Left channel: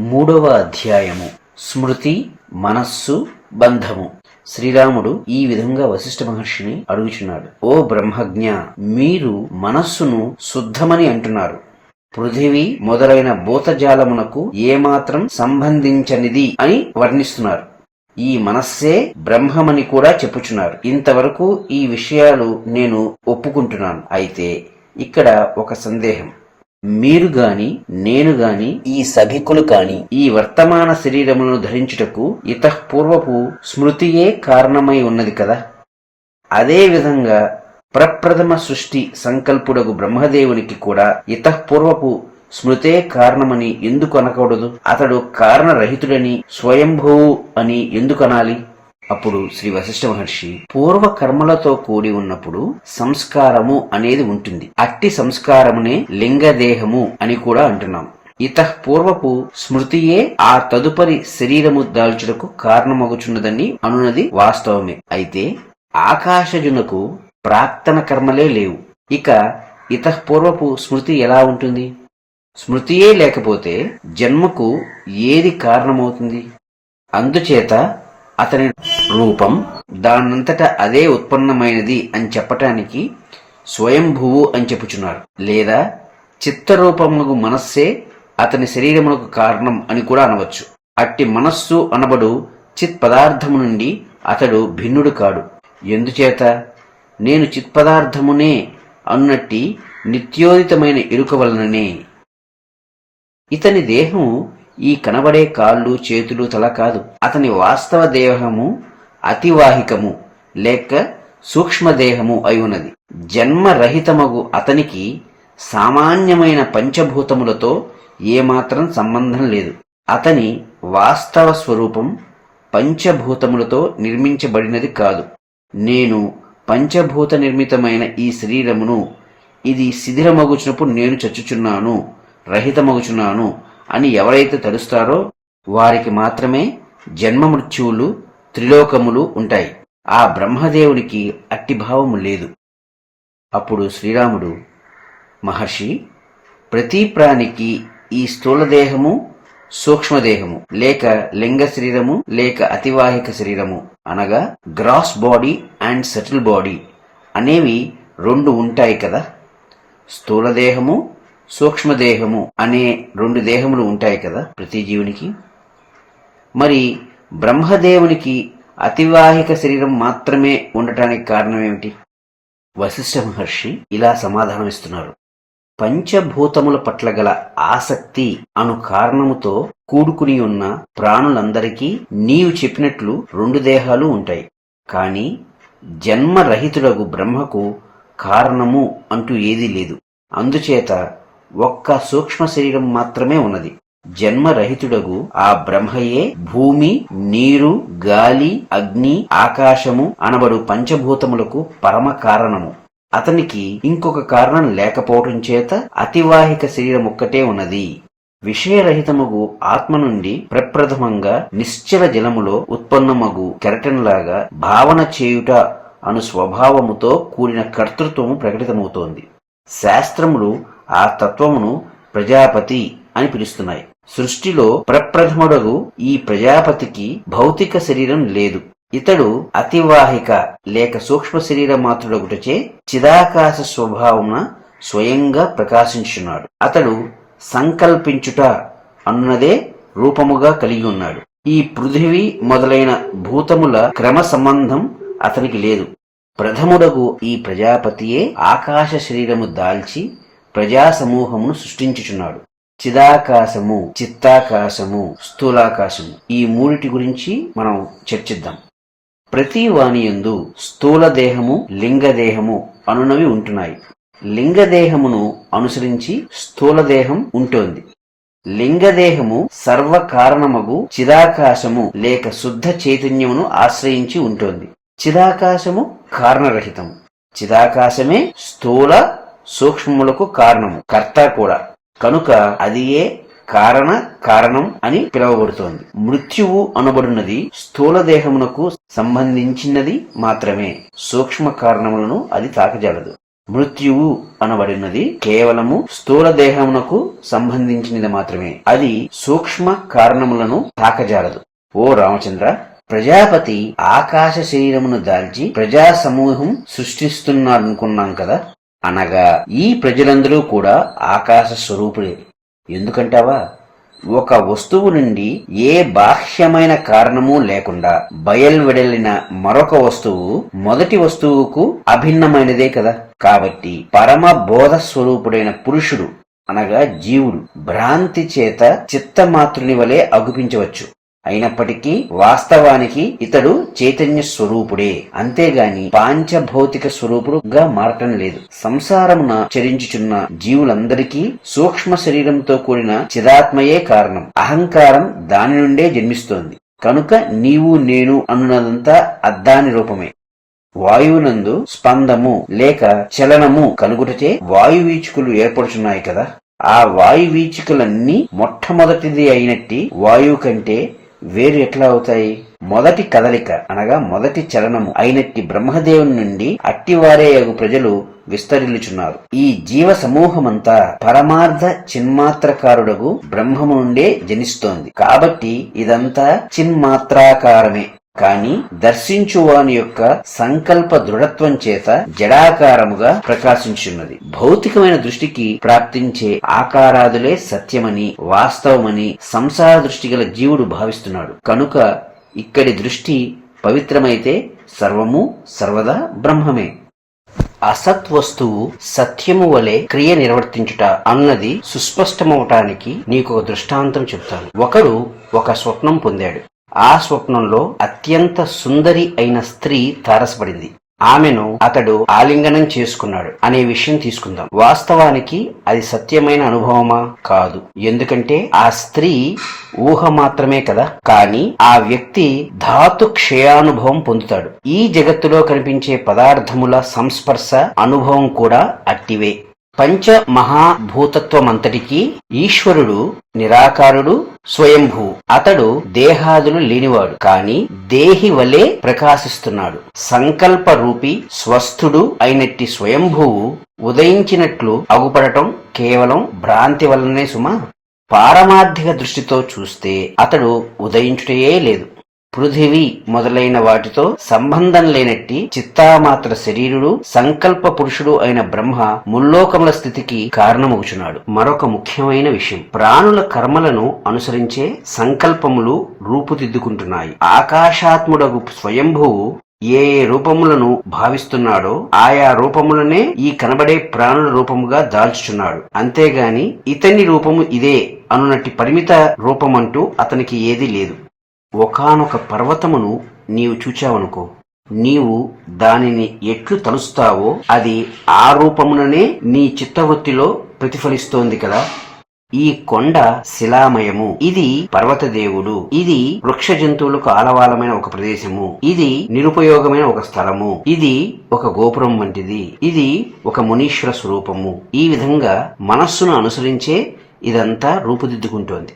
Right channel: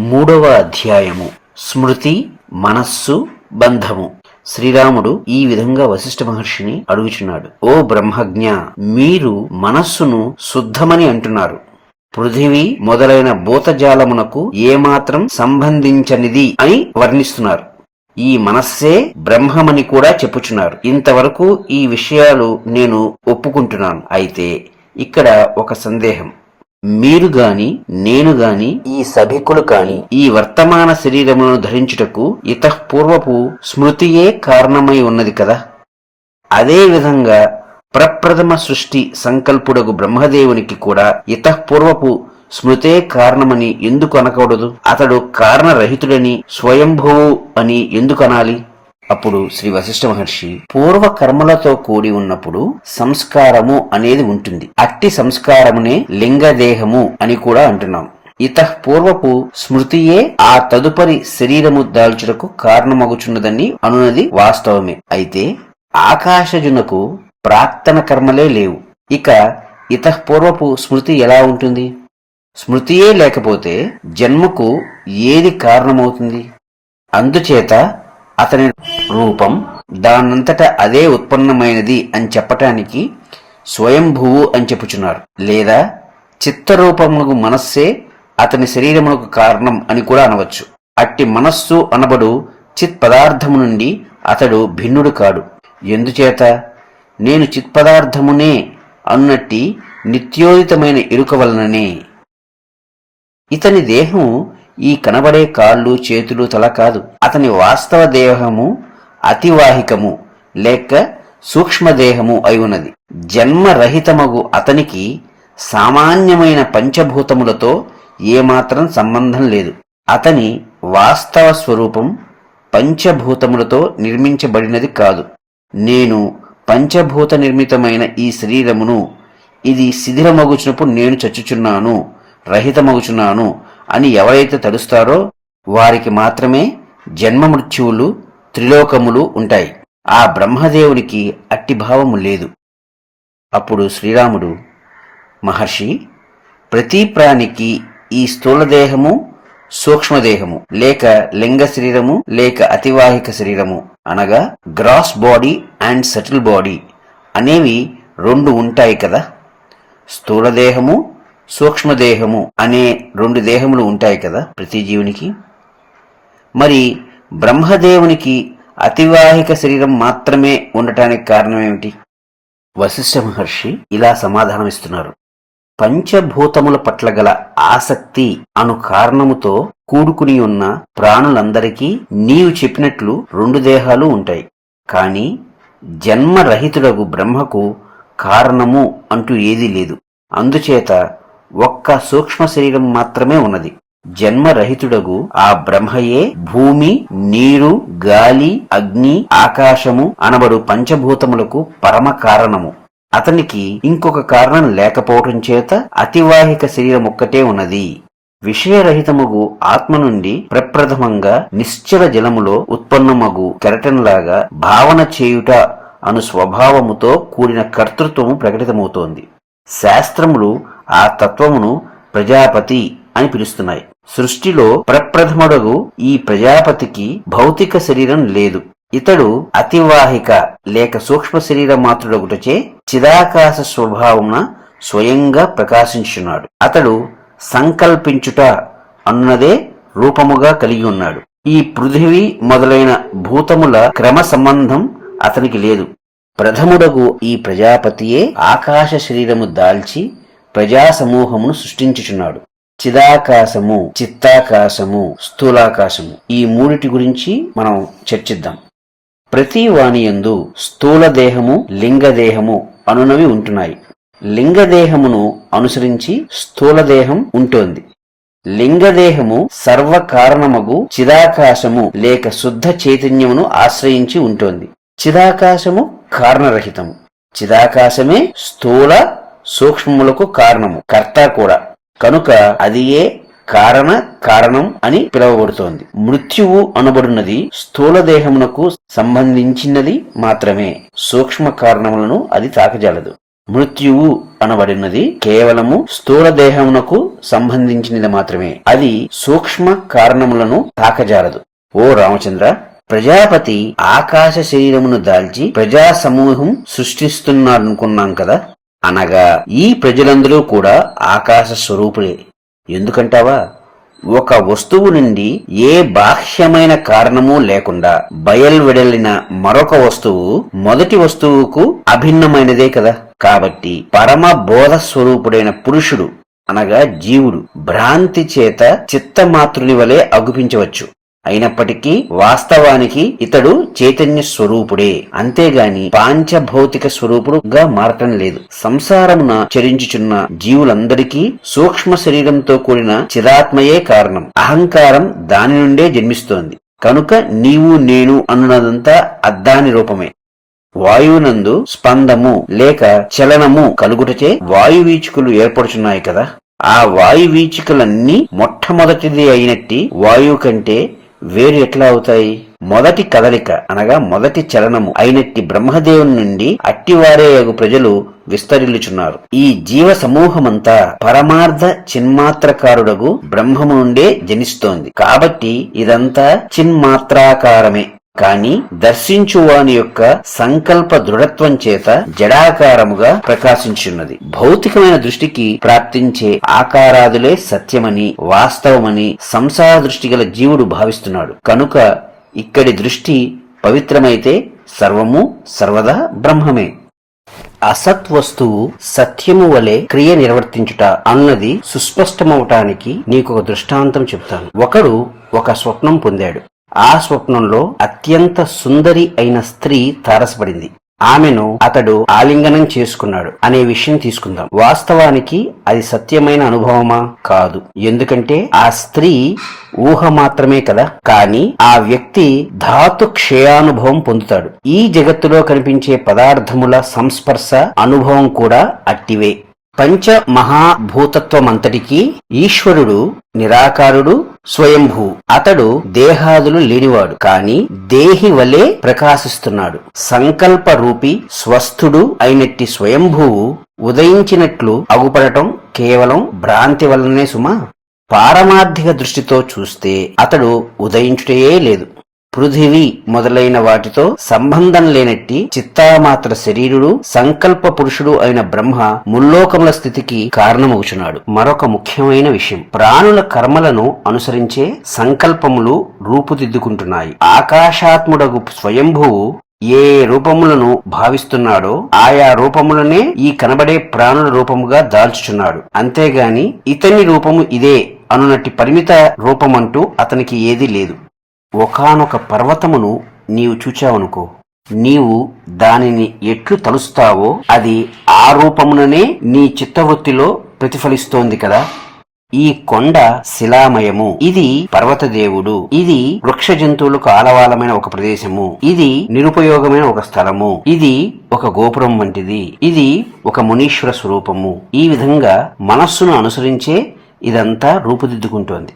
మూడవ అధ్యాయము స్మృతి, మనస్సు, బంధము. శ్రీరాముడు ఈ విధంగా వశిష్ఠ మహర్షిని అడుగుచున్నాడు. ఓ బ్రహ్మజ్ఞ, మీరు మనస్సును శుద్ధమని అంటున్నారు. పృథివీ మొదలైన భూతజాలమునకు ఏమాత్రం సంబంధించనిది అని వర్ణిస్తున్నారు. ఈ మనస్సే బ్రహ్మమని కూడా చెప్పుచున్నారు. ఇంతవరకు ఈ విషయాలు నేను ఒప్పుకుంటున్నాను. అయితే ఇక్కడ ఒక సందేహం. మీరు గాని, నేను గాని, ఈ సభికులు కాని ఈ వర్తమాన శరీరమును ధరించుటకు ఇతఃపూర్వపు స్మృతియే కారణమై ఉన్నది కదా. అదే విధంగా ప్రప్రథమ సృష్టి సంకల్పుడగు బ్రహ్మదేవునికి కూడా ఇతఃపూర్వపు స్మృతే కారణమని ఎందుకు అనకూడదు? అతడు కారణరహితుడని, స్వయంభువు అని ఎందుకు అనాలి? అప్పుడు శ్రీ వశిష్ఠ మహర్షి, పూర్వ కర్మలతో కూడి ఉన్నప్పుడు సంస్కారము అనేది ఉంటుంది. అట్టి సంస్కారమునే లింగదేహము అని కూడా అంటున్నాం. ఇతఃపూర్వపు స్మృతియే ఆ తదుపరి శరీరము దాల్చుటకు కారణమగుచున్నదని అనున్నది వాస్తవమే. అయితే ఆకాశజునకు ప్రాక్తన కర్మలే లేవు. ఇక ఇతఃపూర్వపు స్మృతి ఎలా ఉంటుంది? స్మృతియే లేకపోతే జన్మకు ఏది కారణమవుతుంది? అందుచేత అతని రూపం దానంతట అదే ఉత్పన్నమైనది అని చెప్పటానికి స్వయంభువు అని చెప్పుచున్నారు. లేదా చిత్తరూపమునకు మనస్సే అతని శరీరమునకు కారణం అని కూడా అనవచ్చు. అట్టి మనస్సు అనబడు చిత్ పదార్థము నుండి అతడు భిన్నుడు కాడు. ఎందుచేత? నేను చిత్పదార్థమునే అన్నట్టి నిత్యోదితమైన ఎరుక వలననే. ఇతని దేహం ఈ కనబడే కాళ్ళు, చేతులు, తల కాదు. అతని వాస్తవ దేహము అతివాహికము లేక సూక్ష్మదేహము అయి ఉన్నది. జన్మరహితమగు అతనికి సామాన్యమైన పంచభూతములతో ఏమాత్రం సంబంధం లేదు. అతని వాస్తవ స్వరూపం పంచభూతములతో నిర్మించబడినది కాదు. నేను పంచభూత నిర్మితమైన ఈ శరీరమును, ఇది శిథిలమగుచున్నప్పుడు నేను చచ్చుచున్నాను, రహితమగుచున్నాను అని ఎవరైతే తలుస్తారో వారికి మాత్రమే జన్మ మృత్యువులు, త్రిలోకములు ఉంటాయి. ఆ బ్రహ్మదేవునికి అట్టి భావము లేదు. అప్పుడు శ్రీరాముడు, మహర్షి, ప్రతి ప్రాణికి ఈ స్థూలదేహము, సూక్ష్మదేహము లేక లింగ శరీరము లేక అతివాహిక శరీరము అనగా gross body and subtle body అనేవి రెండు ఉంటాయి కదా. స్థూలదేహము, సూక్ష్మదేహము అనే రెండు దేహములు ఉంటాయి కదా ప్రతి జీవునికి. మరి బ్రహ్మదేవునికి అతివాహిక శరీరం మాత్రమే ఉండటానికి కారణమేమిటి? వశిష్ఠ మహర్షి ఇలా సమాధానమిస్తున్నారు. పంచభూతముల పట్ల గల ఆసక్తి అను కారణముతో కూడుకుని ఉన్న ప్రాణులందరికీ నీవు చెప్పినట్లు రెండు దేహాలు ఉంటాయి. కాని జన్మరహితుడగు బ్రహ్మకు కారణము అంటూ ఏదీ లేదు. అందుచేత ఒక్క సూక్ష్మ శరీరం మాత్రమే ఉన్నది. జన్మరహితుడగు ఆ బ్రహ్మయే భూమి, నీరు, గాలి, అగ్ని, ఆకాశము అనబడు పంచభూతములకు పరమ కారణము. అతనికి ఇంకొక కారణం లేకపోవటం చేత అతివాహిక శరీరం ఒక్కటే ఉన్నది. విషయరహితమగు ఆత్మ నుండి ప్రప్రథమంగా నిశ్చల జలములో ఉత్పన్నమగు కెరటంలాగా భావన చేయుట అను స్వభావముతో కూడిన కర్తృత్వము ప్రకటితమవుతోంది. శాస్త్రములు ఆ తత్వమును ప్రజాపతి అని పిలుస్తున్నాయి. సృష్టిలో ప్రప్రథముడగు ఈ ప్రజాపతికి భౌతిక శరీరం లేదు. ఇతడు అతివాహిక లేక సూక్ష్మ శరీర మాత్రుడగుటచే చిదాకాశ స్వభావమున స్వయంగా ప్రకాశించున్నాడు. అతడు సంకల్పించుట అన్నదే రూపముగా కలిగి ఉన్నాడు. ఈ పృథివీ మొదలైన భూతముల క్రమ సంబంధం అతనికి లేదు. ప్రథముడగు ఈ ప్రజాపతియే ఆకాశ శరీరము దాల్చి ప్రజా సమూహమును సృష్టించుచున్నాడు. చిదాకాశము, చిత్తాకాశము, స్థూలాకాశము ఈ మూడిటి గురించి మనం చర్చిద్దాం. ప్రతి వాణియందు స్థూలదేహము, లింగదేహము అనునవి ఉంటున్నాయి. లింగదేహమును అనుసరించి స్థూలదేహం ఉంటోంది. లింగదేహము సర్వకారణమగు చిదాకాశము లేక శుద్ధ చైతన్యమును ఆశ్రయించి ఉంటోంది. చిదాకాశము కారణరహితము. చిదాకాశమే స్థూల సూక్ష్మములకు కారణము, కర్త కూడా. కనుక అదియే కారణం అని పిలువబడుతోంది. మృత్యువు అనబడినది స్థూల దేహమునకు సంబంధించినది మాత్రమే. సూక్ష్మ కారణములను అది తాకజాలదు. మృత్యువు అనబడినది కేవలము స్థూల దేహమునకు సంబంధించినది మాత్రమే. అది సూక్ష్మ కారణములను తాకజాలదు. ఓ రామచంద్ర, ప్రజాపతి ఆకాశ శరీరమును దాల్చి ప్రజా సమూహం సృష్టిస్తున్నాడనుకున్నాం కదా. అనగా ఈ ప్రజలందరూ కూడా ఆకాశ స్వరూపులే. ఎందుకంటావా? ఒక వస్తువు నుండి ఏ బాహ్యమైన కారణము లేకుండా బయల్వెడలిన మరొక వస్తువు మొదటి వస్తువుకు అభిన్నమైనదే కదా. కాబట్టి పరమ బోధ స్వరూపుడైన పురుషుడు అనగా జీవుడు భ్రాంతి చేత చిత్తమాతృని వలె అగుపించవచ్చు. అయినప్పటికీ వాస్తవానికి ఇతడు చైతన్య స్వరూపుడే, అంతేగాని పాంచభౌతిక స్వరూపుడుగా మారటం లేదు. సంసారమున చరించుచున్న జీవులందరికీ సూక్ష్మ శరీరంతో కూడిన చిదాత్మయే కారణం. అహంకారం దాని నుండే జన్మిస్తోంది. కనుక నీవు నేను అన్నదంతా అద్దాని రూపమే. వాయువునందు స్పందము లేక చలనము కలుగుటచే వాయువీచుకులు ఏర్పడుచున్నాయి కదా. ఆ వాయువీచికలన్నీ మొట్టమొదటిది అయినట్టి వాయువు కంటే వేరు ఎట్లా అవుతాయి? మొదటి కదలిక అనగా మొదటి చలనము అయినట్టి బ్రహ్మదేవుని నుండి అట్టివారేయగు ప్రజలు విస్తరిల్లుచున్నారు. ఈ జీవ సమూహమంతా పరమార్థ చిన్మాత్రకారుడగు బ్రహ్మము నుండే జనిస్తోంది. కాబట్టి ఇదంతా చిన్మాత్రాకారమే. కాని దర్శించువాని యొక్క సంకల్ప దృఢత్వం చేత జడాకారముగా ప్రకాశించున్నది. భౌతికమైన దృష్టికి ప్రాప్తించే ఆకారాదులే సత్యమని వాస్తవమని సంసార దృష్టి గల జీవుడు భావిస్తున్నాడు. కనుక ఇక్కడి దృష్టి పవిత్రమైతే సర్వము సర్వదా బ్రహ్మమే. అసత్ వస్తువు సత్యము వలె క్రియ నిర్వర్తించుట అన్నది సుస్పష్టమవటానికి నీకొక దృష్టాంతం చెప్తాను. ఒకడు ఒక స్వప్నం పొందాడు. ఆ స్వప్నంలో అత్యంత సుందరి అయిన స్త్రీ తారసపడింది. ఆమెను అతడు ఆలింగనం చేసుకున్నాడు అనే విషయం తీసుకుందాం. వాస్తవానికి అది సత్యమైన అనుభవమా? కాదు. ఎందుకంటే ఆ స్త్రీ ఊహ మాత్రమే కదా. కాని ఆ వ్యక్తి ధాతు క్షయానుభవం పొందుతాడు. ఈ జగత్తులో కనిపించే పదార్థముల సంస్పర్శ అనుభవం కూడా అట్టివే. పంచ మహాభూతత్వమంతటికీ ఈశ్వరుడు నిరాకారుడు, స్వయంభూ. అతడు దేహాదులు లేనివాడు, కాని దేహి వలె ప్రకాశిస్తున్నాడు. సంకల్ప రూపి స్వస్థుడు అయినట్టి స్వయంభూవు ఉదయించినట్లు అగుపడటం కేవలం భ్రాంతి వలనే సుమా. పారమార్థిక దృష్టితో చూస్తే అతడు ఉదయించుటయే లేదు. పృథివీ మొదలైన వాటితో సంబంధం లేనట్టి చిత్తామాత్ర శరీరుడు సంకల్ప పురుషుడు అయిన బ్రహ్మ ముల్లోకముల స్థితికి కారణమవుచున్నాడు. మరొక ముఖ్యమైన విషయం, ప్రాణుల కర్మలను అనుసరించే సంకల్పములు రూపుదిద్దుకుంటున్నాయి. ఆకాశాత్ముడగు స్వయంభువు ఏ రూపములను భావిస్తున్నాడో ఆయా రూపములనే ఈ కనబడే ప్రాణుల రూపముగా దాల్చుచున్నాడు. అంతేగాని ఇతని రూపము ఇదే అనునట్టి పరిమిత రూపమంటూ అతనికి ఏదీ లేదు. ఒకానొక పర్వతమును నీవు చూచావనుకో, నీవు దానిని ఎట్లు తలుస్తావో అది ఆ రూపముననే నీ చిత్తవృత్తిలో ప్రతిఫలిస్తోంది కదా. ఈ కొండ శిలామయము, ఇది పర్వతదేవుడు, ఇది వృక్ష జంతువులకు ఆలవాలమైన ఒక ప్రదేశము, ఇది నిరుపయోగమైన ఒక స్థలము, ఇది ఒక గోపురం వంటిది, ఇది ఒక మునీశ్వర స్వరూపము. ఈ విధంగా మనస్సును అనుసరించే ఇదంతా రూపుదిద్దుకుంటోంది.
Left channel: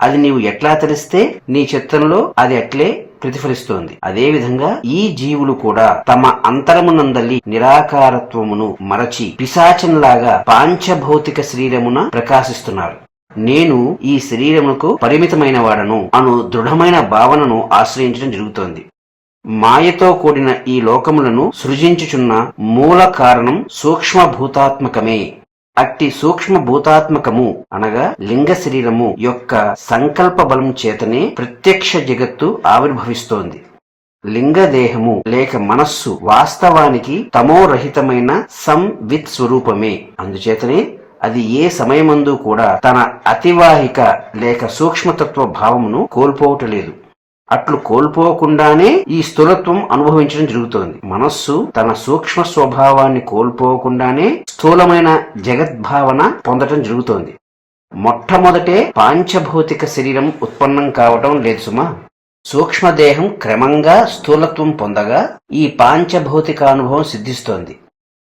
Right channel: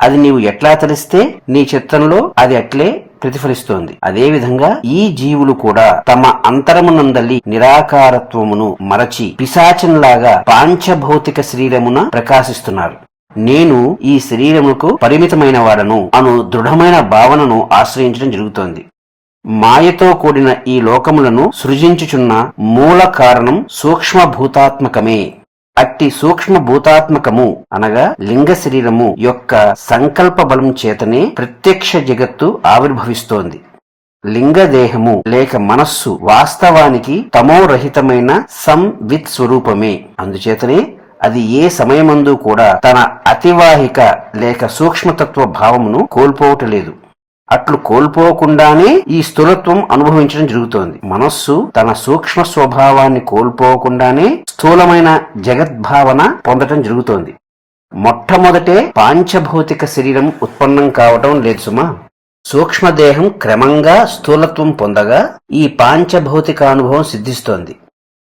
అది నీవు ఎట్లా తలిస్తే నీ చిత్తంలో అది అట్లే ప్రతిఫలిస్తోంది. అదేవిధంగా ఈ జీవులు కూడా తమ అంతరమునందలి నిరాకారత్వమును మరచి పిశాచంలాగా పాంచభౌతిక శరీరమున ప్రకాశిస్తున్నారు. నేను ఈ శరీరముకు పరిమితమైన వాడను అను దృఢమైన భావనను ఆశ్రయించడం జరుగుతోంది. మాయతో కూడిన ఈ లోకములను సృజించుచున్న మూల కారణం సూక్ష్మభూతాత్మకమే. అట్టి సూక్ష్మ భూతాత్మకము అనగా లింగ శరీరము యొక్క సంకల్ప బలం చేతనే ప్రత్యక్ష జగత్తు ఆవిర్భవిస్తోంది. లింగదేహము లేక మనస్సు వాస్తవానికి తమోరహితమైన సంవిత్ స్వరూపమే. అందుచేతనే అది ఏ సమయమందు కూడా తన అతివాహిక లేక సూక్ష్మతత్వ భావమును కోల్పోవటలేదు. అట్లు కోల్పోకుండానే ఈ స్థూలత్వం అనుభవించడం జరుగుతోంది. మనస్సు తన సూక్ష్మ స్వభావాన్ని కోల్పోకుండానే స్థూలమైన జగద్భావన పొందటం జరుగుతోంది. మొట్టమొదటే పాంచభౌతిక శరీరం ఉత్పన్నం కావటం లేదు సుమా. సూక్ష్మదేహం క్రమంగా స్థూలత్వం పొందగా ఈ పాంచభౌతిక అనుభవం సిద్ధిస్తోంది.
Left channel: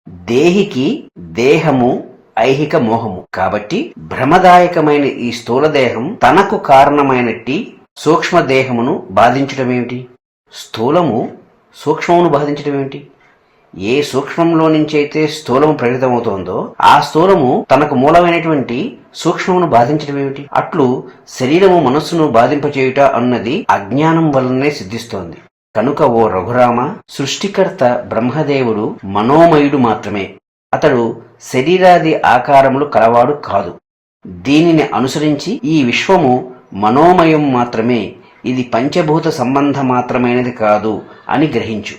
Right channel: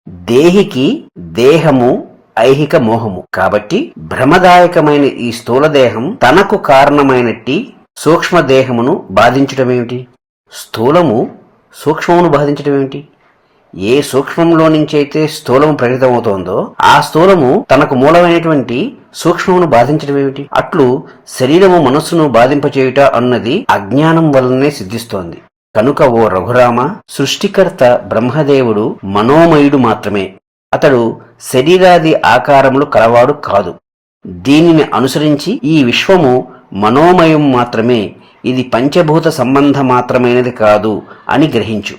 దేహికి దేహము ఐహిక మోహము. కాబట్టి భ్రమదాయకమైన ఈ స్థూలదేహం తనకు కారణమైనట్టి సూక్ష్మదేహమును బాధించటమేమిటి? స్థూలము సూక్ష్మమును బాధించటమేమిటి? ఏ సూక్ష్మంలో నుంచి అయితే స్థూలము ప్రకటితమవుతోందో ఆ స్థూలము తనకు మూలమైనటువంటి సూక్ష్మమును బాధించడం ఏమిటి? అట్లు శరీరము మనస్సును బాధింపచేయుట అన్నది అజ్ఞానం వలనే సిద్ధిస్తోంది. కనుక ఓ రఘురామ, సృష్టికర్త బ్రహ్మదేవుడు మనోమయుడు మాత్రమే. అతడు శరీరాది ఆకారములు కలవాడు కాదు. దీనిని అనుసరించి ఈ విశ్వము మనోమయం మాత్రమే, ఇది పంచభూత సంబంధ మాత్రమైనది కాదు అని గ్రహించు.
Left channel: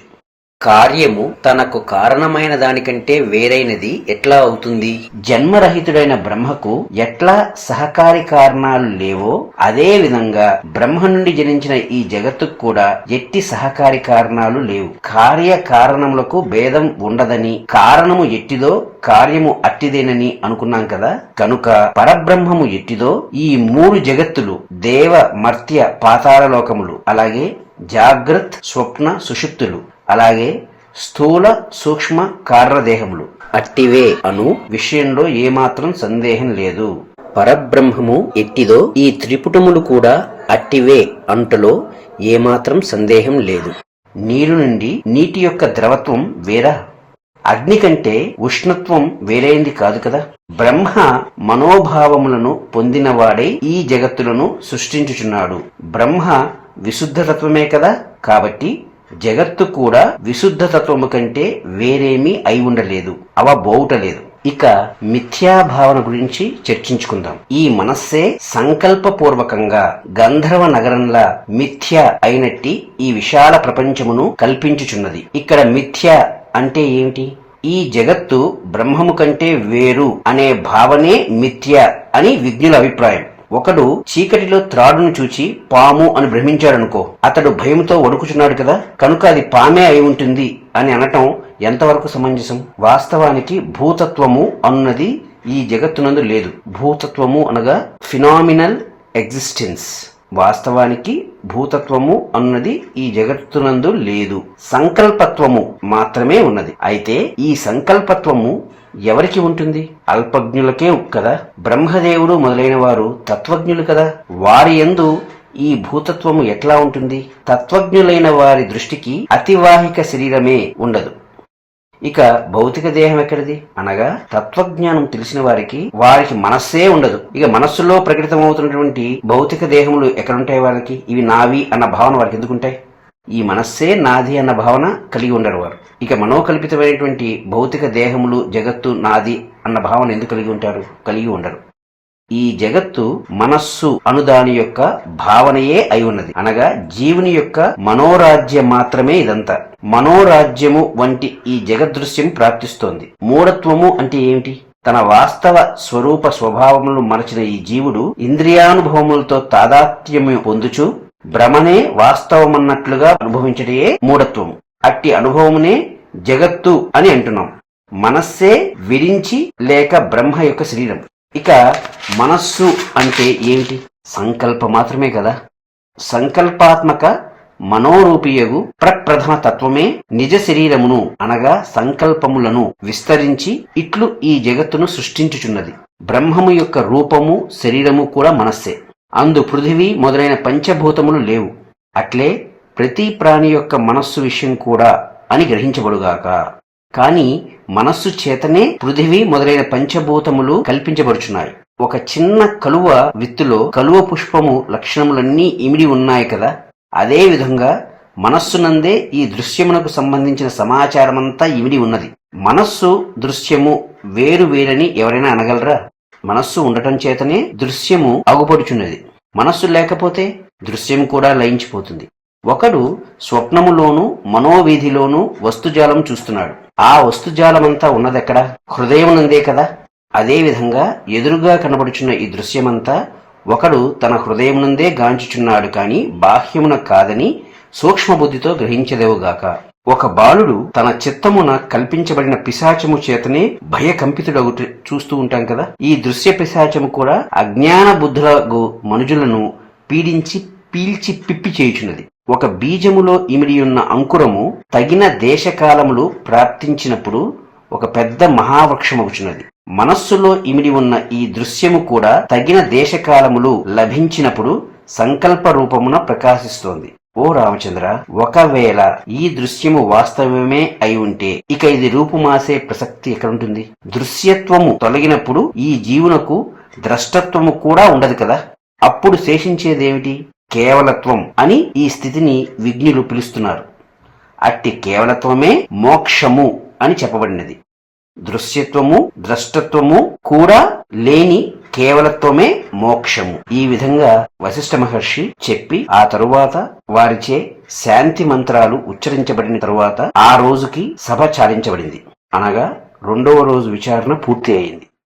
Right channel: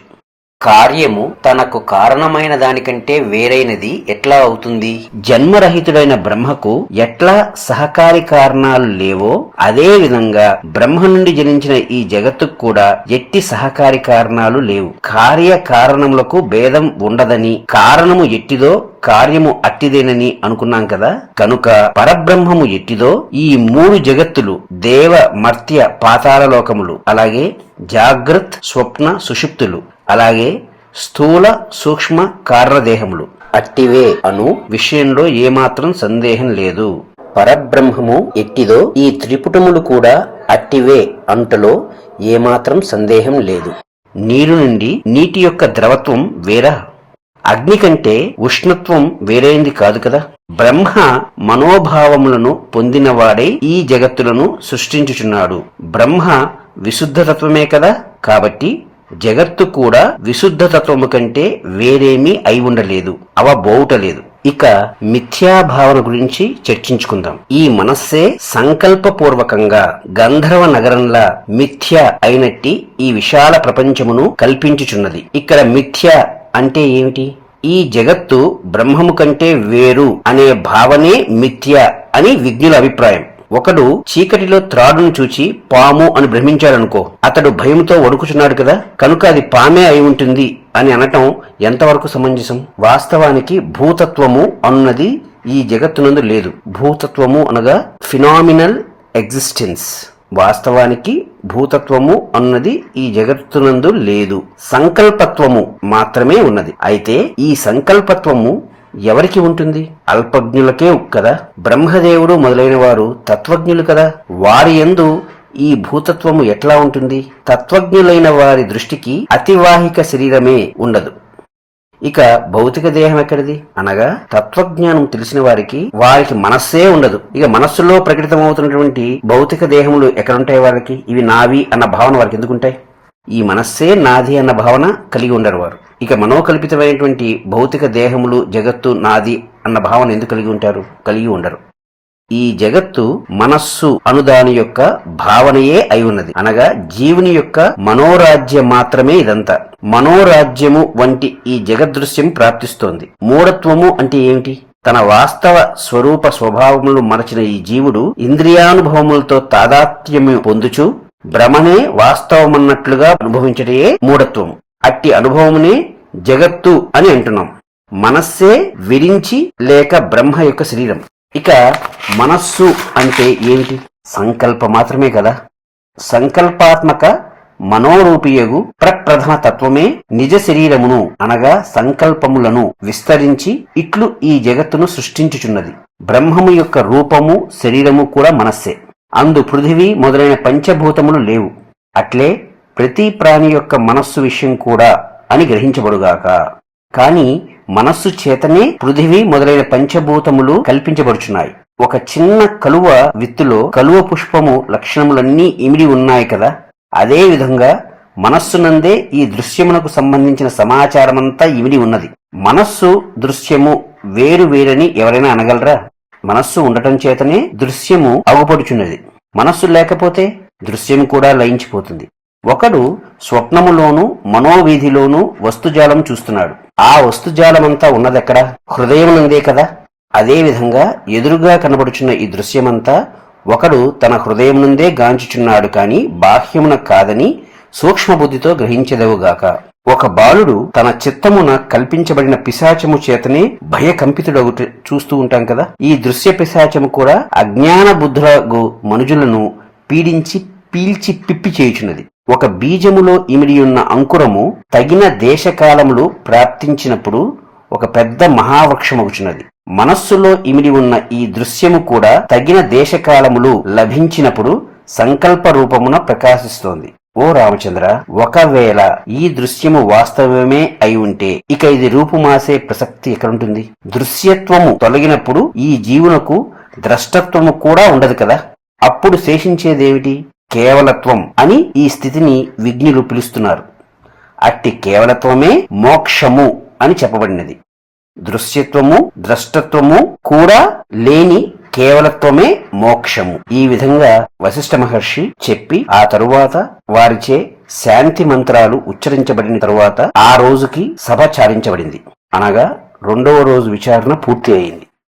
కార్యము తనకు కారణమైన దానికంటే వేరైనది ఎట్లా అవుతుంది? జన్మరహితుడైన బ్రహ్మకు ఎట్లా సహకారి కారణాలు లేవో అదే విధంగా బ్రహ్మ నుండి జనించిన ఈ జగత్తుకు కూడా ఎట్టి సహకారి కారణాలు లేవు. కార్య కారణములకు భేదం ఉండదని, కారణము ఎట్టిదో కార్యము అట్టిదేనని అనుకున్నాం కదా. కనుక పరబ్రహ్మము ఎట్టిదో ఈ మూడు జగత్తులు, దేవ మర్త్య పాతాళ లోకములు, అలాగే జాగ్రత్ స్వప్న సుషుప్తులు, అలాగే స్థూల సూక్ష్మ కారణదేహములు అట్టివే అను విషయంలో ఏమాత్రం సందేహం లేదు. పరబ్రహ్మము ఎట్టిదో ఈ త్రిపుటములు కూడా అట్టివే అంటలో ఏమాత్రం సందేహం లేదు. నీరు నుండి నీటి యొక్క ద్రవత్వం వేరా? అగ్ని కంటే ఉష్ణత్వం వేరైంది కాదు కదా. బ్రహ్మ మనోభావములను పొందినవాడై ఈ జగత్తులను సృష్టించుచున్నాడు. బ్రహ్మ విశుద్ధతత్వమే కదా. కాబట్టి జగత్తు కూడా విశుద్ధతత్వము కంటే వేరేమీ అయి ఉండలేదు, అవబోవుటలేదు. ఇక మిథ్యాభావన గురించి చర్చించుకుందాం. ఈ మనస్సే సంకల్పపూర్వకంగా గంధర్వ నగరంలా మిథ్య అయినట్టి ఈ విశాల ప్రపంచమును కల్పించుచున్నది. ఇక్కడ మిథ్య అంటే ఏమిటి? ఈ జగత్తు బ్రహ్మము కంటే వేరు అనే భావనే మిథ్య అని విజ్ఞుల అభిప్రాయం. ఒకడు చీకటిలో త్రాడును చూచి పాము అని భ్రమించాడనుకో, అతడు భయంతో వణుకుచున్నాడు కదా, కనుక అది పామే అయి ఉంటుంది అని అనటం ఎంతవరకు సమంజసం? వాస్తవానికి భూతత్వము అన్నది ఈ జగత్తునందు లేదు. భూతత్వము అనగా ఫినామినల్ ఎగ్జిస్టెన్స్. వాస్తవానికి భూతత్వము అన్నది ఈ జగత్తునందు లేదు. సంకల్పత్వము మాత్రమే ఉన్నది. అయితే ఈ సంకల్పత్వము ఎవరికి ఉంటుంది? అల్పజ్ఞులకే కదా. బ్రహ్మదేవుడు మొదలైన వారు తత్వజ్ఞులు కదా. వారి యందు ఈ భూతత్వము ఎట్లా ఉంటుంది? తత్వజ్ఞులైన వారి దృష్టికి అతివాహిక శరీరమే ఉండదు. ఇక భౌతిక దేహం ఎక్కడిది అనగా, తత్వజ్ఞానం తెలిసిన వారికి మనస్సే ఉండదు. ఇక మనస్సులో ప్రకటితమవుతున్నటువంటి భౌతిక దేహములు ఎక్కడుంటాయి వాళ్ళకి? ఇవి నావి అన్న భావన వారికి ఎందుకుంటాయి? ఈ మనస్సే నాది అన్న భావన కలిగి ఉండరు వారు. ఇక మనోకల్పితమైనటువంటి భౌతిక దేహములు, జగత్తు నాది అన్న భావన ఎందుకు కలిగి ఉంటారు? కలిగి ఉండరు. ఈ జగత్తు మనస్సు అనుదాని యొక్క భావనయే అయి ఉన్నది. అనగా జీవుని యొక్క మనోరాజ్యం మాత్రమే ఇదంతా. మనోరాజ్యము వంటి ఈ జగదృశ్యం ప్రాప్తిస్తోంది. మూఢత్వము అంటే ఏమిటి? తన వాస్తవ స్వరూప స్వభావములు మరచిన ఈ జీవుడు ఇంద్రియానుభవములతో తాదాత్మ్యము పొందుచు భ్రమనే వాస్తవమన్నట్లుగా అనుభవించటే మూఢత్వము. అట్టి అనుభవమునే జగత్తు అని అంటున్నాం. మనస్సే విరించి లేక బ్రహ్మ యొక్క శరీరం. ఇక మనస్సు అంటే ఏమిటి? సంకల్ప మాత్రమే కదా. సంకల్పాత్మక మనోరూపియగు ప్రప్రథమ తత్వమే నిజ శరీరమును అనగా సంకల్పములను విస్తరించి ఇట్లు ఈ జగత్తును సృష్టించుచున్నది. బ్రహ్మము యొక్క రూపము శరీరము కూడా మనస్సే. అందు పృథివీ మొదలైన పంచభూతములు లేవు. అట్లే ప్రతి ప్రాణి యొక్క మనస్సు విషయం కూడా అని గ్రహించబడుగాక. కాని మనస్సు చేతనే పృథివీ మొదలైన పంచభూతములు కల్పించబడుచున్నాయి. ఒక చిన్న కలువ విత్తులో కలువ పుష్పము లక్షణములన్నీ ఇమిడి ఉన్నాయి కదా. అదే విధంగా మనస్సునందే ఈ దృశ్యమునకు సంబంధించిన సమాచారమంతా ఇమిడి ఉన్నది. మనస్సు దృశ్యము వేరు వేరని ఎవరైనా అనగలరా? మనస్సు ఉండటం చేతనే దృశ్యము అగుపడుచున్నది. మనస్సు లేకపోతే దృశ్యము కూడా లయించిపోతుంది. ఒకడు స్వప్నములోను మనోవీధిలోను వస్తుజాలం చూస్తున్నాడు. ఆ వస్తుజాలమంతా ఉన్నదెక్కడ? హృదయమునందే కదా. అదేవిధంగా ఎదురుగా కనబడుచున్న ఈ దృశ్యమంతా ఒకడు తన హృదయమునందే గాంచుచున్నాడు కాని బాహ్యమున కాదని సూక్ష్మబుద్ధితో గ్రహించెదవుగాక. ఒక బాలుడు తన చిత్తమున కల్పించబడిన పిశాచము చేతనే భయకంపితుడగుట చూస్తూ ఉంటాం కదా. ఈ దృశ్య పిశాచము కూడా అజ్ఞాన బుద్ధులకు మనుజులను పీడించి పీల్చి పిప్పి చేయుచున్నది. ఒక బీజములో ఇమిడియున్న అంకురము తగిన దేశకాలములు ప్రాప్తించినప్పుడు ఒక పెద్ద మహావృక్షమగుచున్నది. మనస్సులో ఇమిడి ఉన్న ఈ దృశ్యము కూడా తగిన దేశకాలములు లభించినప్పుడు సంకల్ప రూపమున ప్రకాశిస్తోంది. ఓ రామచంద్ర, ఒకవేళ ఈ దృశ్యము వాస్తవమే అయి ఉంటే ఇక ఇది రూపుమాసే ప్రసక్తి ఎక్కడుంటుంది? దృశ్యత్వము తొలగినప్పుడు ఈ జీవునకు ద్రష్టత్వము కూడా ఉండదు కదా. అప్పుడు శేషించేదేమిటి? కేవలత్వం అని ఈ స్థితిని విజ్ఞులు పిలుస్తున్నారు. అట్టి కేవలత్వమే మోక్షము అని చెప్పబడినది. దృశ్యత్వము ద్రష్టత్వము కూడా లేని కేవలత్వమే మోక్షము. ఈ విధంగా వశిష్ఠ మహర్షి చెప్పి ఆ తరువాత వారిచే శాంతి మంత్రాలు ఉచ్చరించబడిన తరువాత ఆ రోజుకి సభ చాలించబడింది. అనగా 2వ రోజు విచారణ పూర్తి అయింది.